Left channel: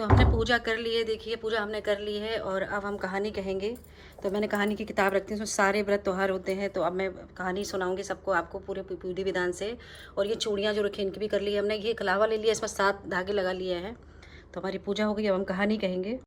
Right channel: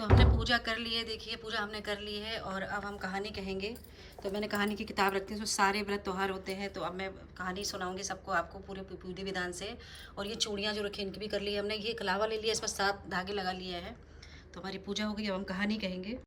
तो हमने पूजा कर ली है, देखिए पूजा हमने कर ली है और अब हम कहानी कहेंगे। तो मैंने कहानी की किताब रखती हूँ, उसमें सारे व्रत त्योहार होते हैं। तो अब मैं कहानी सुनाऊंगी सबको, आपको पूरे विधि विधान से। और ये चूड़ियाँ जो रखी इनकी भी कर ली है हमने। ये कलावा ले लिया, इसमें 7 धागे लगा लिए हैं। तो हमारी पूजा हो गई, अब हम कहानी कहेंगे।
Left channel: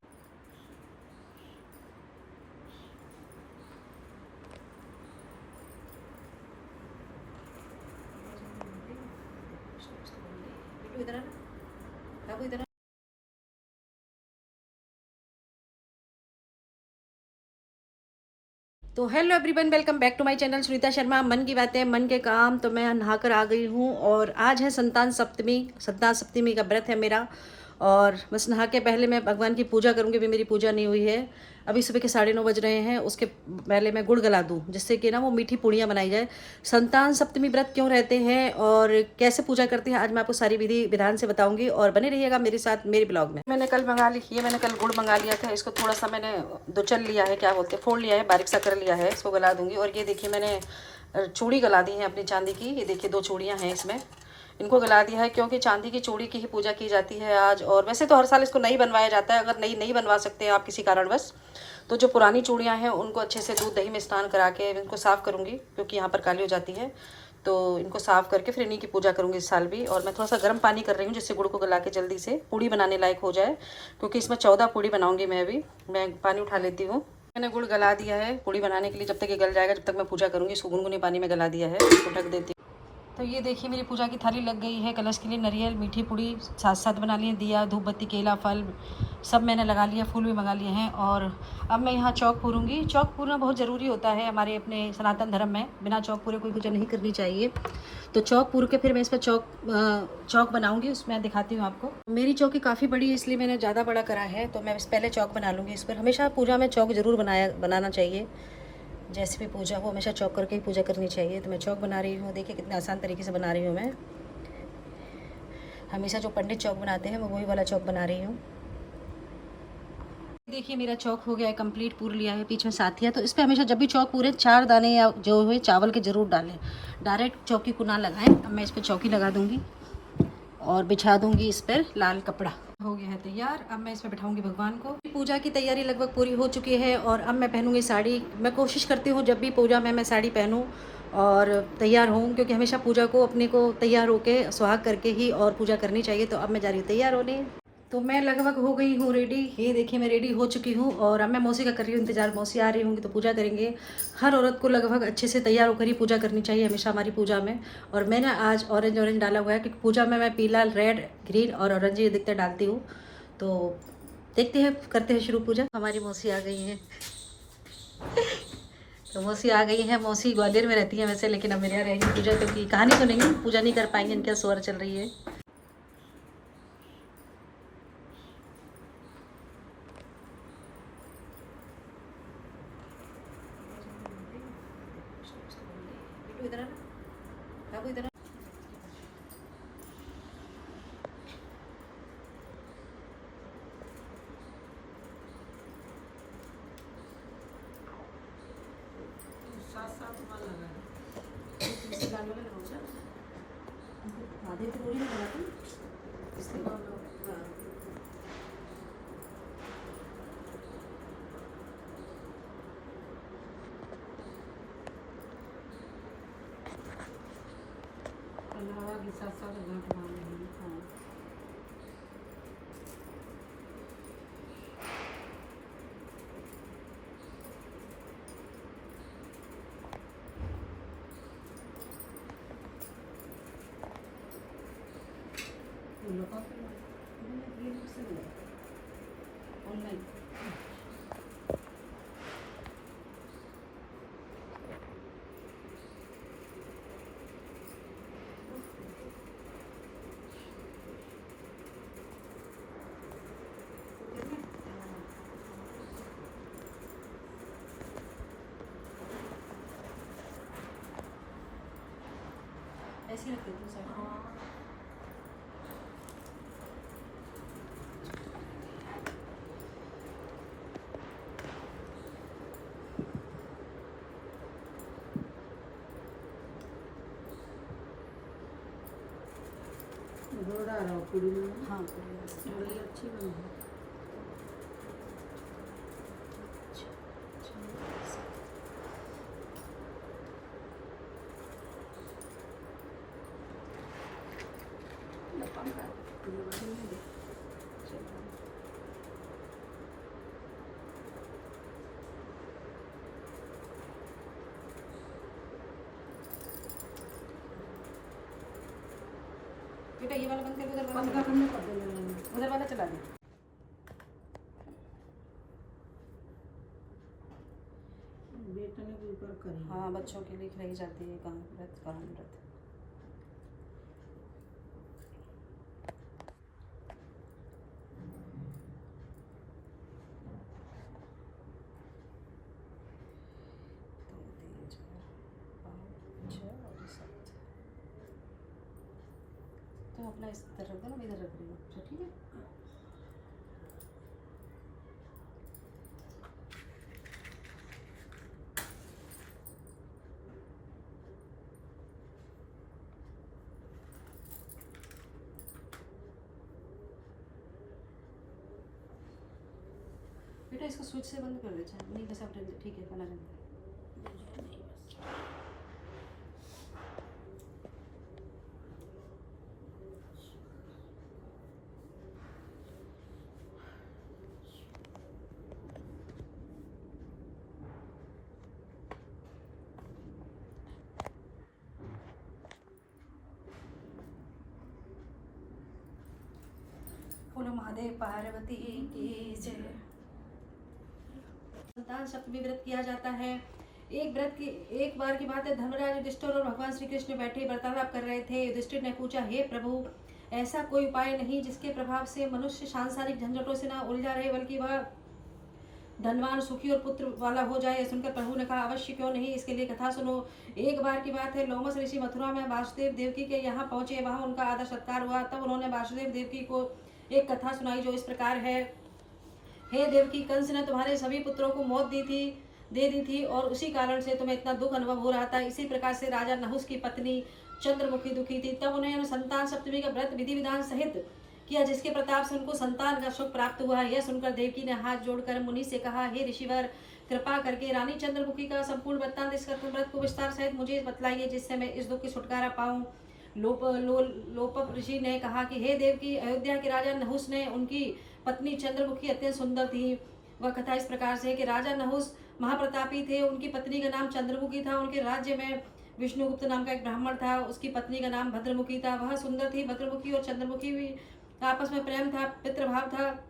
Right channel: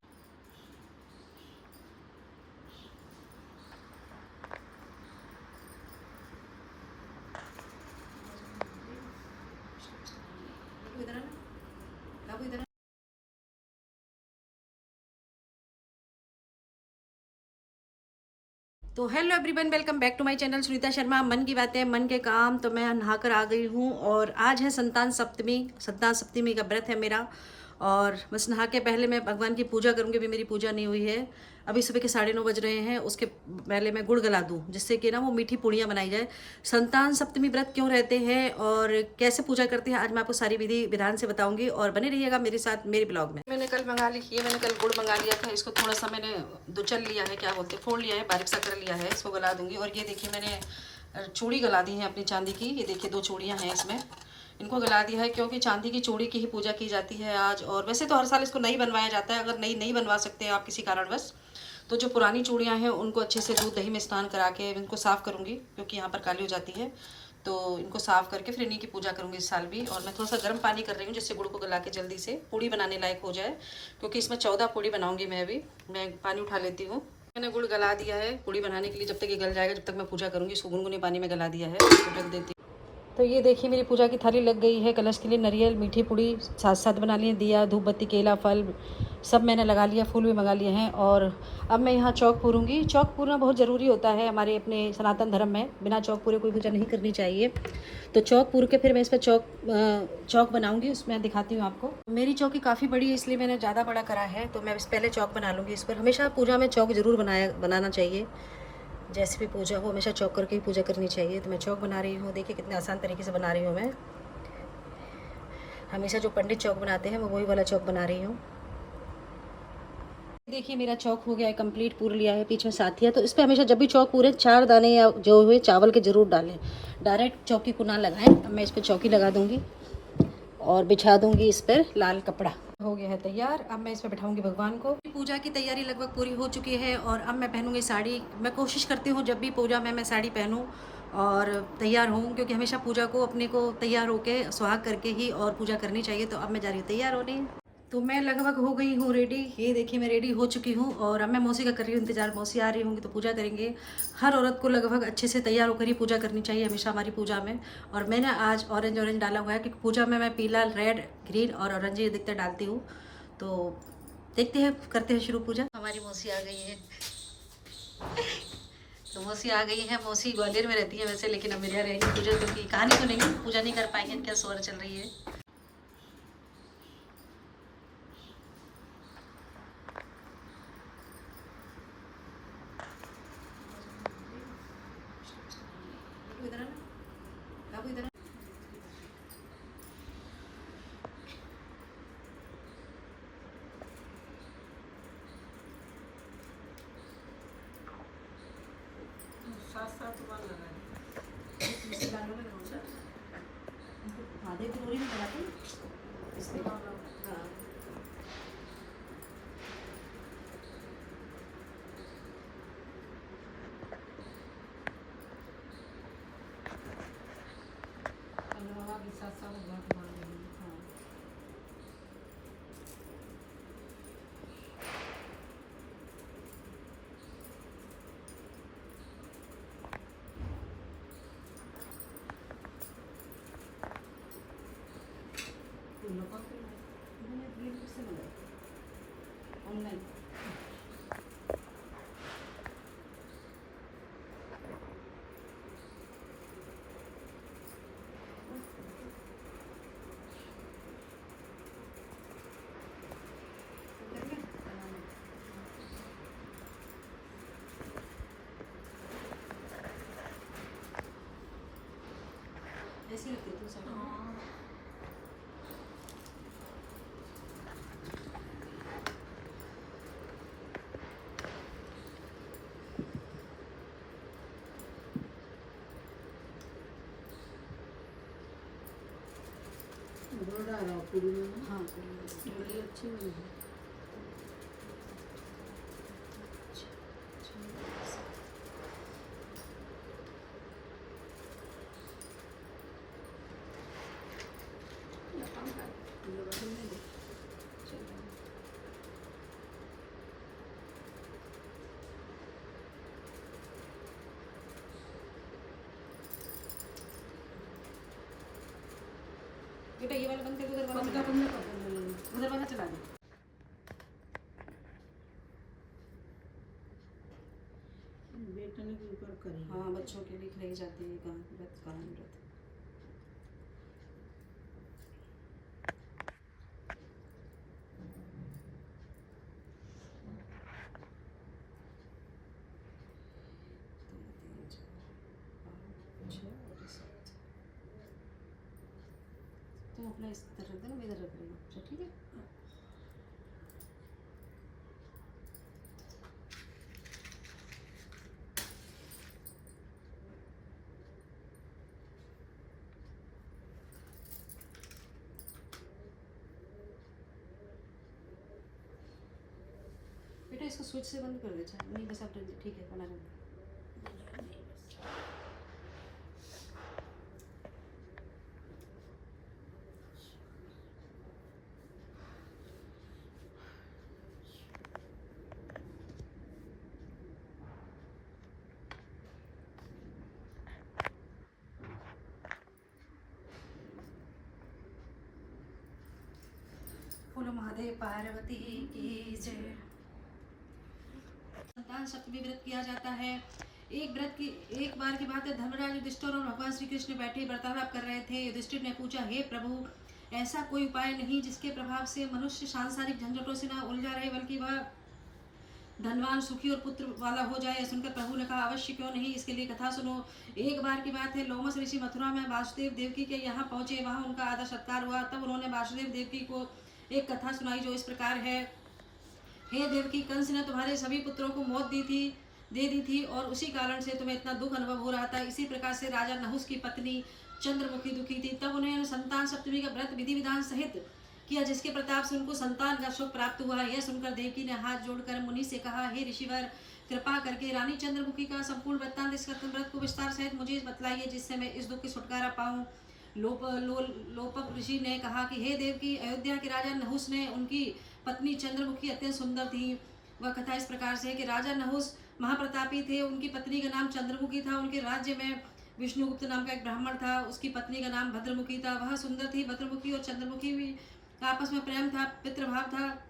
तो hello everyone, welcome back to my channel Sunita Sharma. मन की बातें, मन के काम। तो मैं नहाकर आ गई हूँ और आज है संतान सप्तमी। संतान सप्तमी का व्रत है मेरा। और बस नहा के पहले मैं भगवान की पूजा करूँगी। अभी मेरी पूजा नहीं हुई है। अभी सुबह के 9:30 बज रहे हैं। उसके पहले मैं गुड़ गला दूँ, जिससे कि ना वो मीठी पूड़ियाँ बनाई जाए। संतान सप्तमी व्रत क्यों रहते हैं और कैसे पूजा करते हैं, आज मैं आपको सारी विधि विधान से बताऊंगी। और बने रहिएगा मेरे साथ मेरे ब्लॉग में। मैंने कल मंगा ली, ये मैंने कल गुड़ मंगा लिया था। इसको थोड़ा सा मैंने दुचल लिया है, क्या बोलते हैं, फोड़ लिया है, बारीक सा कर लिया है। इसको गला दूंगी। और ये देखिए मैंने चूड़ी गला दी है अपनी चांदी की। ये देखिए 2 चूड़ियाँ हैं इसमें। इनको गला दिया है क्योंकि चांदी की चूड़ी की ही पूजा की जाती है आज। और वैसे तो हर साल इसको नहीं बनवाया जाता है। अगर नहीं बनवा सकते हैं आप किसी कारणवश, तो जो पुरानी चूड़ियाँ हैं उनको अच्छे से दूध दही में स्नान करा के इनको साफ़ करूँगी, क्योंकि यहाँ पर काली हो जाती है। तो इनको साफ़ करके फिर इन्हीं की पूजा करूँगी इस साल भी। और मैं थोड़ा सा गर्म पानी कर रही हूँ, जिससे गुड़ को गला के जल्दी से पूड़ी बनाने लायक हो जाए, क्योंकि इसमें 14 पूड़ी बनाऊँगी मैं अभी। मैं पानी उठा लेती हूँ। मैंने गुड़ गला दिया है पूड़ी बनाने के लिए। जब तक ये गल जाएगा, जब तक मैं पूजा करूँगी, इसको गुनगुने पानी में गला दिया है। इसको ढक देती हूँ। तो ये देखिए मेरी पूजा की थाली लग गई है। कलश के लिए नारियल, मीठी पूड़ी साथ साथ बना लिए, दिया, धूप बत्ती, केला, फल सब मैंने लगा लिया, फूल भी मंगा लिए हैं। और अब मैं यहाँ चौक पूरूंगी। चौक पूरना बहुत ज़रूरी होता है हमारे अपने सनातन धर्म में। बिना चौक पूरे कोई पूजा नहीं करनी चाहिए। तो चौक पूर के फिर मैं इस पर चौक बनाऊंगी। उसमें दिखाती हूँ आपको। मेरी चौकी काफ़ी बड़ी है, इसलिए मैंने ज़्यादा बड़ा करा है। तो मैं पहले चौक बना लूँगी इस पर। हमेशा पूजा में चौक ज़रूर बनाना चाहिए। जैसे भी पूजा हो हमेशा चौक करके ही पूजा करनी चाहिए। तो मैं चौक बना रही हूँ। देखिए कितने आसान तरीके से बना रही हूँ मैं। हमेशा जो पंडित चौक बनाते हैं मैं वही वाला चौक बना रही हूँ। देखिए मेरा चौक हो गया है कंप्लीट, पूर लिया है। पीछे साथिया, तो इस पर हमेशा जब भी चौक पूरे 4 दाने या जो हुए चावल के ज़रूर डालें। डायरेक्ट चौकी को ना लगाएं। अब मैं इस पर चौकी लगा दूँगी और बिछा दूँगी इस पर लाल कपड़ा। हो गया है तैयार। अब मैं इसमें बैठाऊंगी भगवान को। पूजा की तैयारी लगभग पूरी हो चुकी है और अब मैं पहनूंगी साड़ी। मैं कोशिश करती हूँ जब भी पूजा में मैं साड़ी पहनूँ और तैयार हूँ, क्योंकि हमेशा पूजा को अपने को तैयार होके सुहाग करके ही और पूजा करनी चाहिए। तो अब मैं जा रही हूँ तैयार होने। तो मैं लगभग हो गई हूँ रेडी। ये देखिए मैं रेडी हो चुकी हूँ और अब मैं मौसी का कर रही हूँ इंतज़ार। मौसी आ रही होंगी तो पूजा करेंगे। हर औरत को लगभग अच्छे से तैयार होकर ही पूजा करनी चाहिए हमेशा हमारी पूजा में। और मैंने आज ऑरेंज डाला हुआ है, क्योंकि पूजा में मैं पीला, रेड, ग्रीन और ऑरेंज ये दिखते डालती हूँ। तो देखते हैं, करते हैं शुरू पूजा। हमारी मौसी आ गई है। तो मौसी आ गई है। मौसी ग्वालियर में रहती है वैसे, लेकिन अब मेरे यहाँ रहेगी पूजा, क्योंकि कहानी सुनेंगे, पूजा नहीं कर पाएंगे, इनके स्वर चल रही है। इधर आना बाबू, इधर। आधे तो पूरी नहीं बनाती इसलिए। हाँ, हवा के साथ साथ घाट मार रही हूँ। हाँ। ऑनलाइन ऐसे ही रखती हूँ सब। हाँ, पूरी अच्छी बनी है। बेटा ये वाला बंद कर दो, उधर वाला बंद चला दो। करने कर दो। उधर वाला चला दो। बेटने के ऊपर करी। हाँ, बच्चों के लिए खिलाई जाती है काम व्रत, काम व्रत। तुम अपना इस तरफ रख देना, मैं इधर रख रही हूँ। अच्छा, ठीक है। बेटा इसको स्विच से बंद कर दे। अच्छा नहीं, बस अब ठीक है, खाना रहने दे। बोलो महादेव पार्वती की जय। संतान सप्तमी व्रत किया जाता है। एक बार की बात है, धर्मराज युधिष्ठिर और भगवान श्री कृष्ण बैठे वार्तालाप कर रहे थे। युधिष्ठिर ने पूछा, हे प्रभु, ऐसा कोई उपाय नहीं जिसके प्रभाव से मनुष्य सांसारिक झंझटों से ना उलझा रहे, बल्कि वह धनवान, सुखी और पुत्र वाला हो जाए। सुनकर प्रभु ने कहा, अवश्य क्यों नहीं, इसके लिए कथा सुनो। एक बार की बात है, लोमस ऋषि मथुरा में वासुदेव देवकी के यहाँ पहुंचे। वहां उनका आदर सत्कार हुआ। तब उन्होंने वासुदेव देवकी को एक कथा सुनाई जो इस प्रकार है। हे देवकी, कंस ने तुम्हारे सभी पुत्रों को मौत दे दी थी और उसी कारण से तुम्हें इतना दुख अनुभव हो रहा था। इसी प्रकार से राजा नहुस की पत्नी चंद्रमुखी दुखी थी। तब उन्हें संतान सप्तमी का व्रत विधि विधान सहित किया, जिसके प्रताप से उनको संतान का सुख प्राप्त हुआ। यह सुनकर देवकी ने हाथ जोड़कर मुनि से कहा, हे ऋषिवर, कृपा करके रानी चंद्रमुखी का संपूर्ण वृत्तांत, इस व्रत को विस्तार सहित मुझे बतलाइए, जिससे मैं इस दुख की छुटकारा पाऊं। लोपक ऋषि ने कहा कि हे देवकी, अयोध्या के राजा नहुस ने, उनकी पत्नी चंद्रमुखी अत्यंत सुंदर थी। वह कथा इस प्रकार से कि राजा नहुस महाप्रतापी थे। उनकी पत्नी का नाम चंद्रमुखी था। उनके राज्य में विष्णुगुप्त नाम का एक ब्राह्मण था। उसकी पत्नी का नाम भद्रमुखी था। वह सुंदर थी। भद्रमुखी और चंद्रमुखी भी आपस में प्रेम था, पितृभाव था।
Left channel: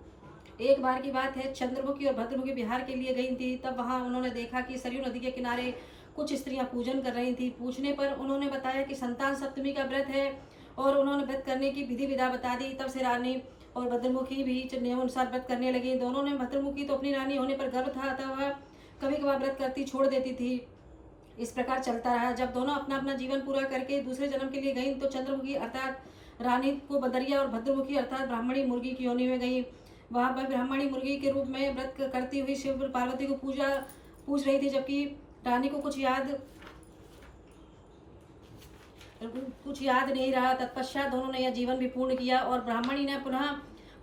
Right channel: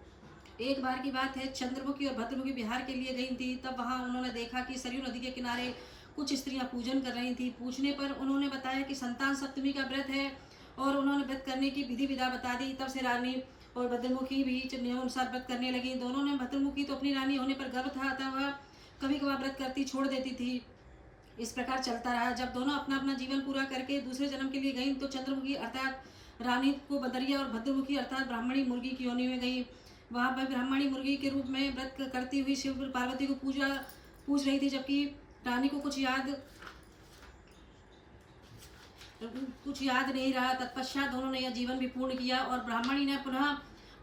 एक बार की बात है, चंद्रमुखी और भद्रमुखी बिहार के लिए गई थी। तब वहां उन्होंने देखा कि सरयू नदी के किनारे कुछ स्त्रियां पूजन कर रही थी। पूछने पर उन्होंने बताया कि संतान सप्तमी का व्रत है और उन्होंने व्रत करने की विधि विधा बता दी। तब से रानी और भद्रमुखी भी नियमानुसार व्रत करने लगी। दोनों ने, भद्रमुखी तो अपनी रानी होने पर गर्व था, अतः वह कभी कभार व्रत करती छोड़ देती थी। इस प्रकार चलता रहा। जब दोनों अपना अपना जीवन पूरा करके दूसरे जन्म के लिए गई, तो चंद्रमुखी अर्थात रानी को बदरिया और भद्रमुखी अर्थात ब्राह्मणी मुर्गी की योनि में गई। वहां पर ब्राह्मणी मुर्गी के रूप में व्रत करती हुई शिव पार्वती को पूछ रही थी, जबकि रानी को कुछ याद नहीं रहा। तत्पश्चात दोनों ने यह जीवन भी पूर्ण किया और ब्राह्मणी ने पुनः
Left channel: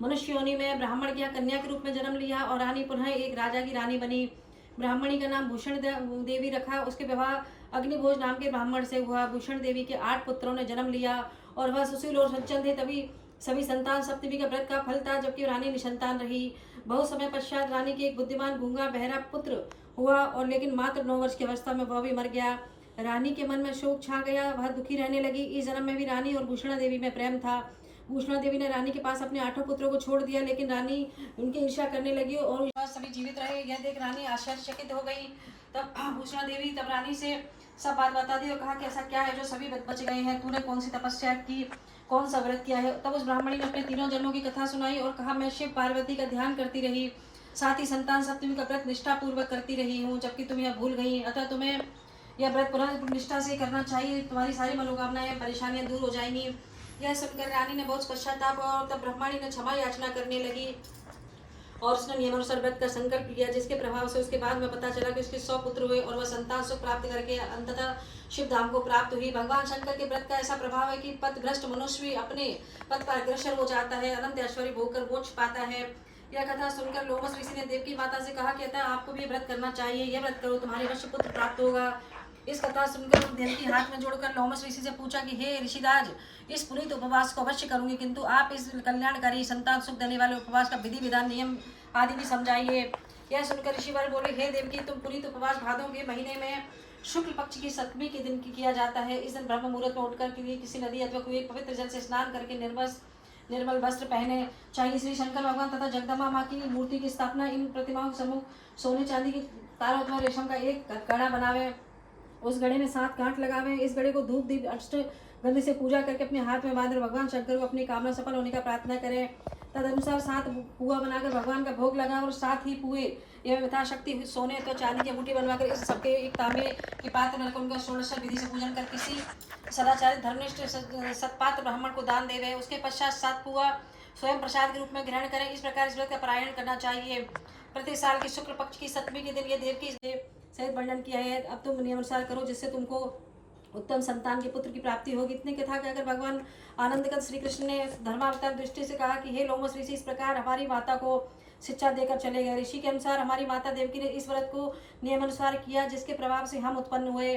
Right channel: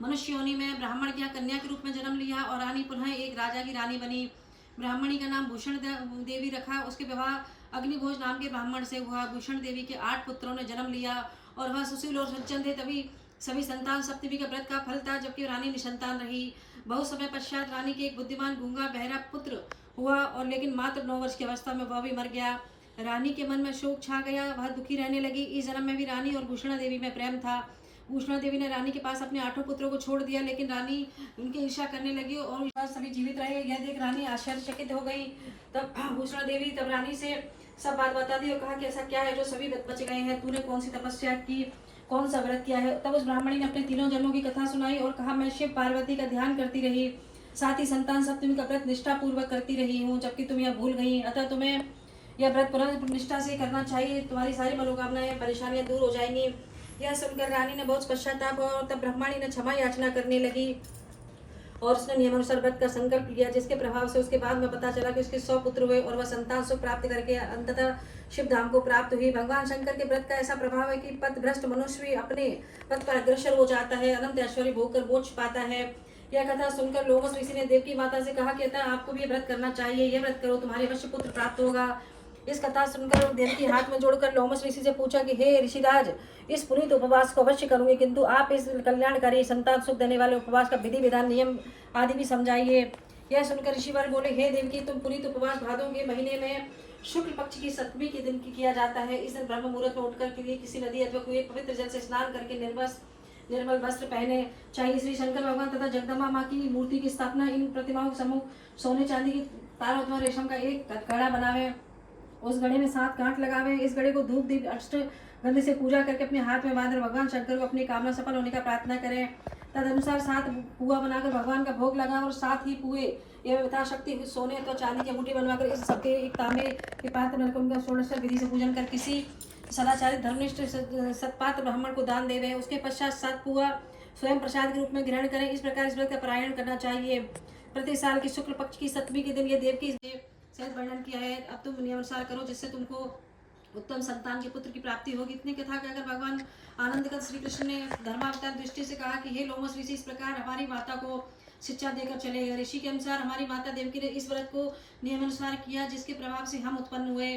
मनुष्य योनि में ब्राह्मण की कन्या के रूप में जन्म लिया और रानी पुनः एक राजा की रानी बनी। ब्राह्मणी का नाम भूषण देवी रखा। उसके विवाह अग्निभोज नाम के ब्राह्मण से हुआ। भूषण देवी के 8 पुत्रों ने जन्म लिया और वह सुशील और सज्जन थे। तभी सभी संतान सप्तमी का व्रत का फल था, जबकि रानी निसंतान रही। बहुत समय पश्चात रानी के एक बुद्धिमान गूंगा बहरा पुत्र हुआ और लेकिन मात्र 9 वर्ष की अवस्था में वह भी मर गया। रानी के मन में शोक छा गया। वह दुखी रहने लगी। इस जन्म में भी रानी और भूषणा देवी में प्रेम था। भूषणा देवी ने रानी के पास अपने 8 पुत्रों को छोड़ दिया, लेकिन रानी उनकी ईर्ष्या करने लगी और सभी जीवित रहे। यह देख रानी आश्चर्यचकित हो गई। तब भूषणा देवी रानी से सब बात बता दी और कहा कि ऐसा क्या है जो सभी बच गए हैं, तूने कौन सी तपस्या की, कौन सा व्रत किया है। तब उस ब्राह्मणी ने अपने तीनों जन्मों की कथा सुनाई और कहा, मैं शिव पार्वती का ध्यान करती रही, साथ ही संतान सप्तमी का व्रत निष्ठा पूर्वक करती रही हूँ, जबकि तुम यह भूल गई। अतः तुम्हें यह व्रत पुनः निष्ठा से करना चाहिए। तुम्हारी सारी मनोकामनाएं, परेशानियां दूर हो जाएंगी। यह सुनकर रानी ने बहुत पश्चाताप और तब ब्रह्माणी ने क्षमा याचना करने लगी और उसने नियमानुसार व्रत का संकल्प लिया, जिसके प्रभाव से उसके बाद में पता चला कि उसके 100 पुत्र हुए और वह संतान सुख प्राप्त करके अंततः शिव धाम को प्राप्त हुई। भगवान शंकर के व्रत का ऐसा प्रभाव है कि पथभ्रष्ट मनुष्य भी अपने पथ पर अग्रसर हो जाता है, अनंत ऐश्वर्य भोग कर मोक्ष पाता है। यह कथा सुनकर लोमस ऋषि ने देवकी माता से कहा कि अतः आपको भी व्रत करना चाहिए। यह व्रत करो, तुम्हारे अवश्य पुत्र प्राप्त होगा। इस कथा सुनकर देवकी हाथ में जोड़कर लोमस ऋषि से पूछा कि हे ऋषिराज, इस पुनीत उपवास को अवश्य करूंगी, किंतु आप इस कल्याणकारी संतान सुख देने वाले उपवास का विधि विधान नियम आदि भी समझाइए। यह सुनकर ऋषिवर बोले, हे देवकी, तुम पुनीत उपवास भादों के महीने में शुक्ल पक्ष की सप्तमी के दिन की किया जाता है। इस दिन ब्रह्म मुहूर्त में उठकर के लिए किसी नदी अथवा कुएं पवित्र जल से स्नान करके निर्मल वस्त्र पहने चाहिए। श्री शंकर भगवान तथा जगदम्बा माँ की मूर्ति की स्थापना इन प्रतिमाओं के सम्मुख सोने चांदी की तारों अथवा रेशम का एक घड़ा बनावे, उस घड़े में 7 गांठ लगावे। इस घड़े को धूप दीप अष्ट गंध से पूजा करके अपने हाथ में बांधकर भगवान शंकर को अपनी कामना सफल होने का प्रार्थना करें। तद अनुसार 7 पुआ बनाकर भगवान का भोग लगाए और 7 ही पुए एवं यथाशक्ति सोने अथवा चांदी की अंगूठी बनवाकर इस सबके एक तांबे के पात्र में रखकर उनका षोडश विधि से पूजन कर किसी सदाचारी धर्मनिष्ठ सत्पात्र ब्राह्मण को दान देवे। उसके पश्चात 7 पुआ स्वयं प्रसाद के रूप में ग्रहण करें। इस प्रकार इस व्रत का पारायण करना चाहिए। प्रति साल के शुक्ल पक्ष की सप्तमी के दिन ये देव की सहित वर्णन किया है। अब तुम नियमानुसार करो जिससे तुमको उत्तम संतान के पुत्र की प्राप्ति होगी। इतने के था कि अगर भगवान आनंदगत श्री कृष्ण ने धर्मावतार दृष्टि से कहा कि हे लोमस ऋषि, इस प्रकार हमारी माता को शिक्षा देकर चले गए। ऋषि के अनुसार हमारी माता देवकी ने इस व्रत को नियमानुसार किया, जिसके प्रभाव से हम उत्पन्न हुए।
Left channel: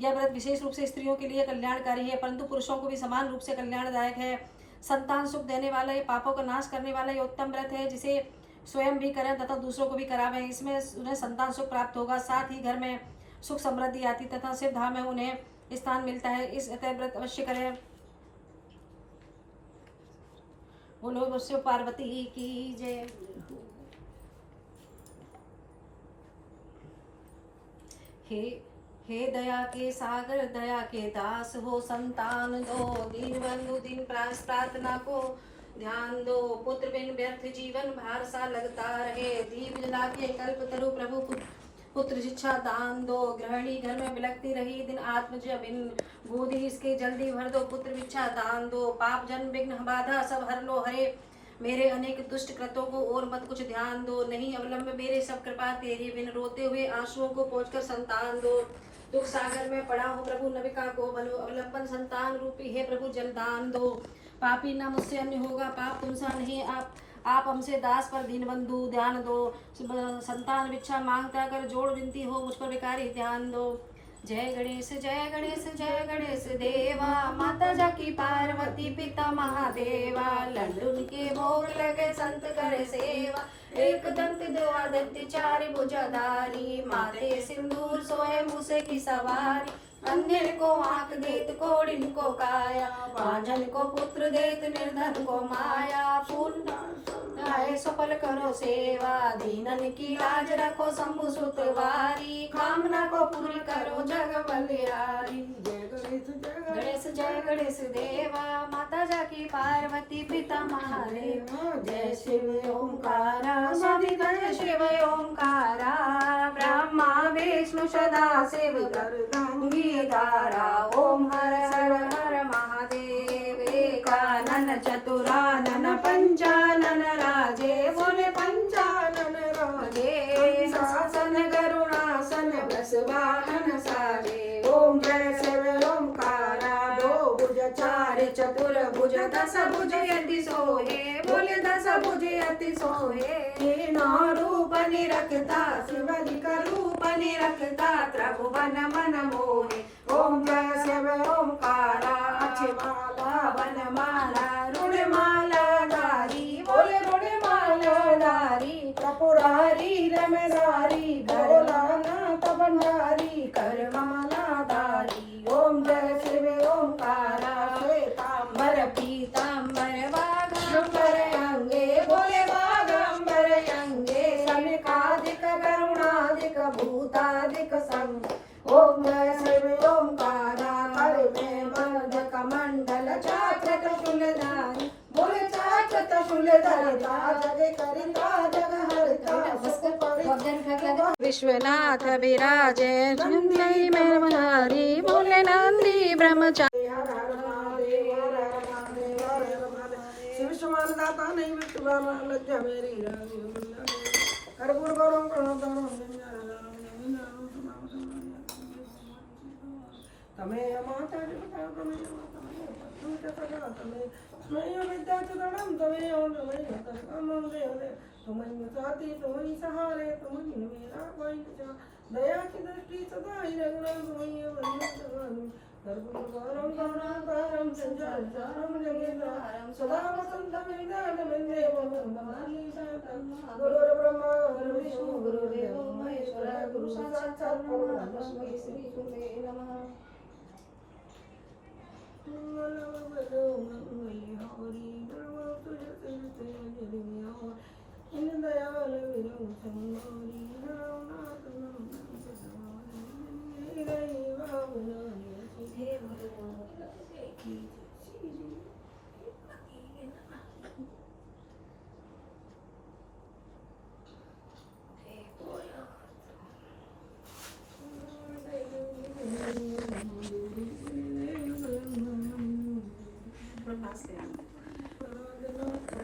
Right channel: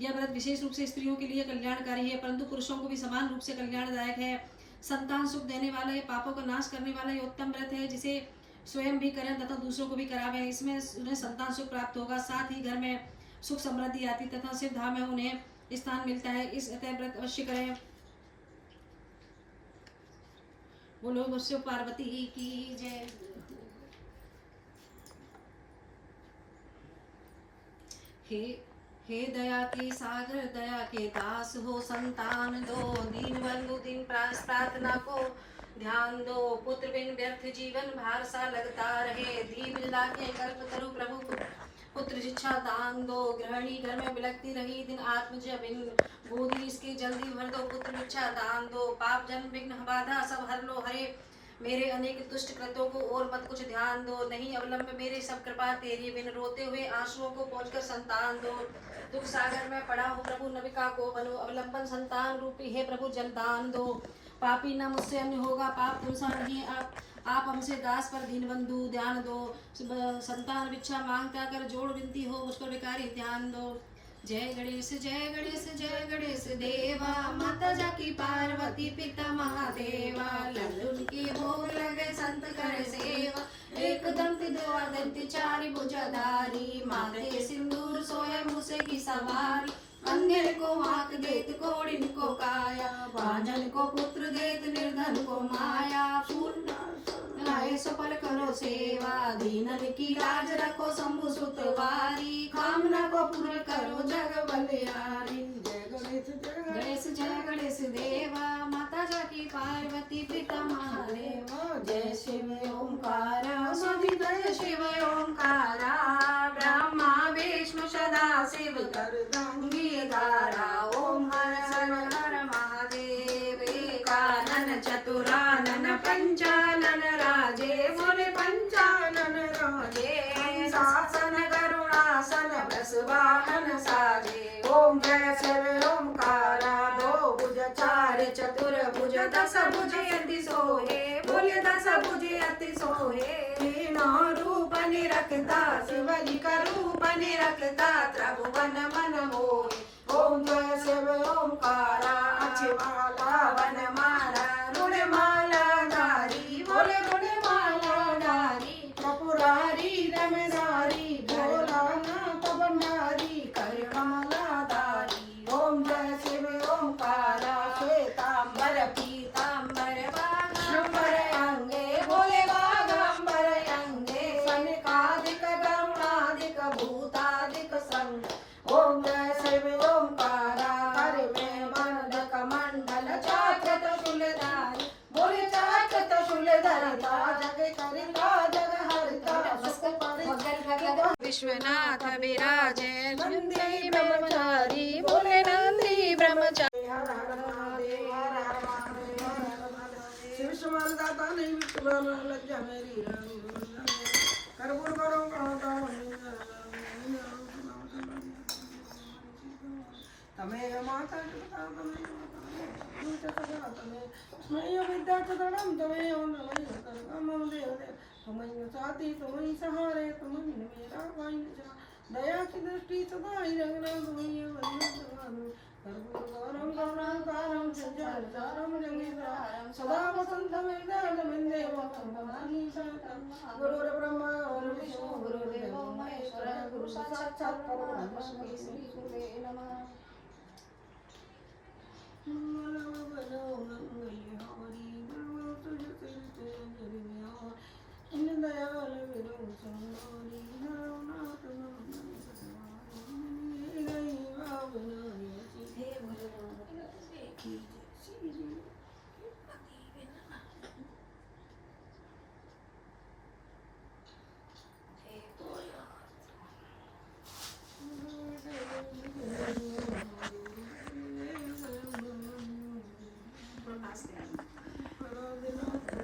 यह व्रत विशेष रूप से स्त्रियों के लिए कल्याणकारी है, परंतु पुरुषों को भी समान रूप से कल्याणदायक है। संतान सुख देने वाला, ये पापों का नाश करने वाला ये उत्तम व्रत है, जिसे स्वयं भी करें तथा दूसरों को भी करावें। इसमें उन्हें संतान सुख प्राप्त होगा, साथ ही घर में सुख समृद्धि आती तथा शिव धाम में उन्हें स्थान मिलता है। इस अतः व्रत अवश्य करें। बोलो शिव पार्वती की जय। हे दया के सागर, दया के दास हो संतान दो, दीन बंधु दीन प्रार्थना को ध्यान दो। पुत्र बिन व्यर्थ जीवन भार सा लगता रहे, दीप जला के कल्प तरु प्रभु पुत्र शिक्षा दान दो। गृहिणी घर में बिलकती रही दिन आत्मज बिन, गोदी इसके जल्दी भर दो, पुत्र इच्छा दान दो। पाप जन्म विघ्न बाधा सब हर लो हरे, मेरे अनेक दुष्ट कृतों को और मत कुछ ध्यान दो। नहीं अवलंब मेरे सब कृपा तेरी बिन, रोते हुए आंसुओं को पोंछकर संतान दो। दुख सागर में पड़ा हो प्रभु नविका को बनो, अवलंबन संतान रूपी है प्रभु जलदान दो। पापी न मुझसे अन्य होगा, पाप तुमसा नहीं, आप हमसे दास पर दीन बंधु ध्यान दो। संतान भिक्षा मांगता कर जोड़ विनती हो, मुझ पर विकारी ध्यान दो। जय गणेश जय गणेश जय गणेश देवा, माता जाकी पार्वती पिता महादेवा। लड्डून के भोग लगे संत करे सेवा, एक दंत दो दंत चारि भुजाधारी। माथे सिंदूर सोए मूसे की सवारी, अंधेर को आंख देत कोड़िन को काया। भाजन को पुत्र देत निर्धन को माया। फूल आए सफल करो सेवा, दीनन की लाज रखो शंभु सुतवारी। कामना को पूर्ण करो जग बलिहारी। गणेश जय गणेश देवा, माता जाकी पार्वती पिता महादेवा। जय शिव ओंकारा सविता शिव ओंकारा, ब्रह्मा विष्णु सदा शिव गंगीधारा। ओम हर हर हर महादेव, एकानन चतुरानन पंचानन राजे, बोले पंचानन राजे। शासन करुणासन वृषवाहन साजे, ओम जय शिव ओंकारा। दो भुज चार चतुर भुज, दस भुज अति सोहे, बोले दस भुज अति सोहे। तीनों रूप निरखता, शिवजी का रूप निरखता, त्रिभुवन मन मोहे। ओम जय शिव ओंकारा, अक्षमाला वनमाला रुणमाला धारी, बोले रुणमाला धारी। त्रिपुरारी रमधारी, भोलानाथ भंडारी, करमाला धारी। ओम जय शिव ओंकारा, श्वेतांबर पीतांबर वाघांबर अंगे, बोले वाघांबर अंगे। सनकादिक करुणादिक भूतादिक संग, ओम जय शिव ओंकारा। हर में मर्द कमंडल चाक्र त्रिशूलधारी, बोले चाक्र त्रिशूलधारी। जग करता जग हरता, विश्वनाथ विराजे नंदी ब्रह्मचारी, बोले नंदी ब्रह्मचारी। हर हर महादेव हर हर महादेव हर हर महादेव। शिव समान दाता नहीं विष्णु लज्जा मेरी कर्पूर गौरम तमेव माता पिता तमेव विद्या चतुरं तमेव नमः तमेव देव तुमहि साथी तुमहि सहारे तुमहि मेरा कोई न। दया की दृष्टि सदा ही रघुनंदन तुमहि वंदन। कर्पूरगौरम गौरम संचारम जगेन्द्रम, सदा वसंतम हृदय गुरुर्ब्रह्मा गुरुर्विष्णु गुरुर्देवो महेश्वरः गुरु साक्षात् परब्रह्म तस्मै श्री गुरुवे नमः।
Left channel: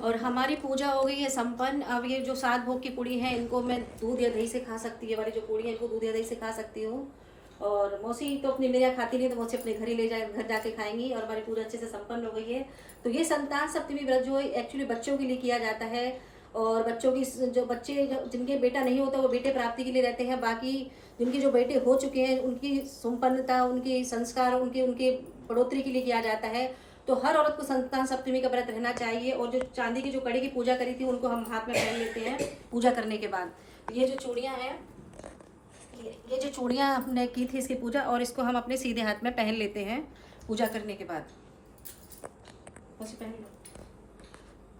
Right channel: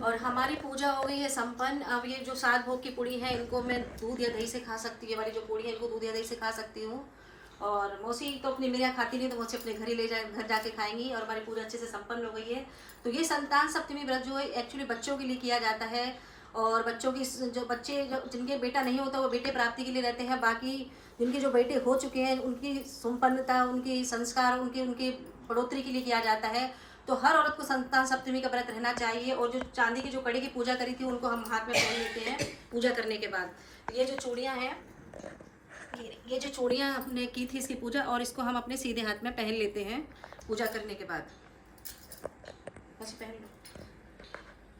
और हमारी पूजा हो गई है संपन्न। अब ये जो 7 भोग की पूड़ी है इनको मैं दूध या दही से खा सकती हूँ। ये वाली जो पूड़ी है इनको दूध या दही से खा सकती हूँ। और मौसी तो अपनी मेरे यहाँ खाती नहीं, तो मौसी अपने घर ही घर जाके खाएंगी। और हमारी पूजा अच्छे से संपन्न हो गई है। तो ये संतान सप्तमी व्रत जो है एक्चुअली बच्चों के लिए किया जाता है। और बच्चों की जो बच्चे जिनके बेटा नहीं होता वो बेटे प्राप्ति के लिए रहते हैं। बाकी जिनके जो बेटे हो चुके हैं उनकी संपन्नता, उनकी संस्कार, उनके बढ़ोतरी के लिए किया जाता है। तो हर औरत को संतान सप्तमी का व्रत रहना चाहिए। और जो चांदी की जो कड़ी की पूजा करी थी उनको हम हाथ में पहन लेते हैं पूजा करने के बाद। ये जो चूड़ियाँ हैं, ये जो चूड़ियाँ हमने की थी इसकी पूजा, और इसको हम अपने सीधे हाथ में पहन लेते हैं पूजा करने के बाद। बस पहन लो।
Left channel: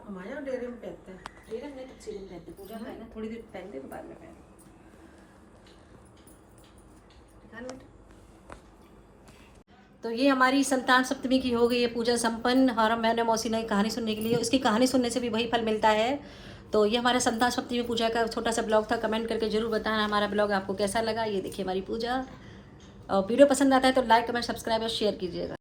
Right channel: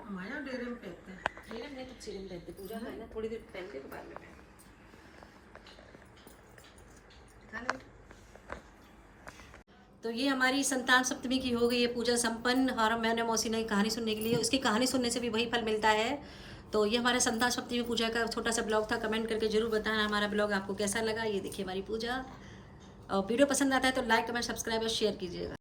हमारे यहाँ डेरे में पहनता है। डेरे में तो सीधे पहनते, पूजा का है ना, थोड़ी देर पहनते तो बाद में पहन। तो ये हमारी संतान सप्तमी की हो गई है पूजा संपन्न। और मैंने मौसी ने कहानी सुनने के लिए, उसकी कहानी सुनने से भी वही फल मिलता है। तो ये हमारा संतान सप्तमी पूजा का छोटा सा ब्लॉग था। कमेंट करके जरूर बताना हमारा ब्लॉग आपको कैसा लगा। ये देखिए हमारी पूजा। और वीडियो पसंद आता है तो लाइक कमेंट सब्सक्राइब और शेयर कीजिएगा।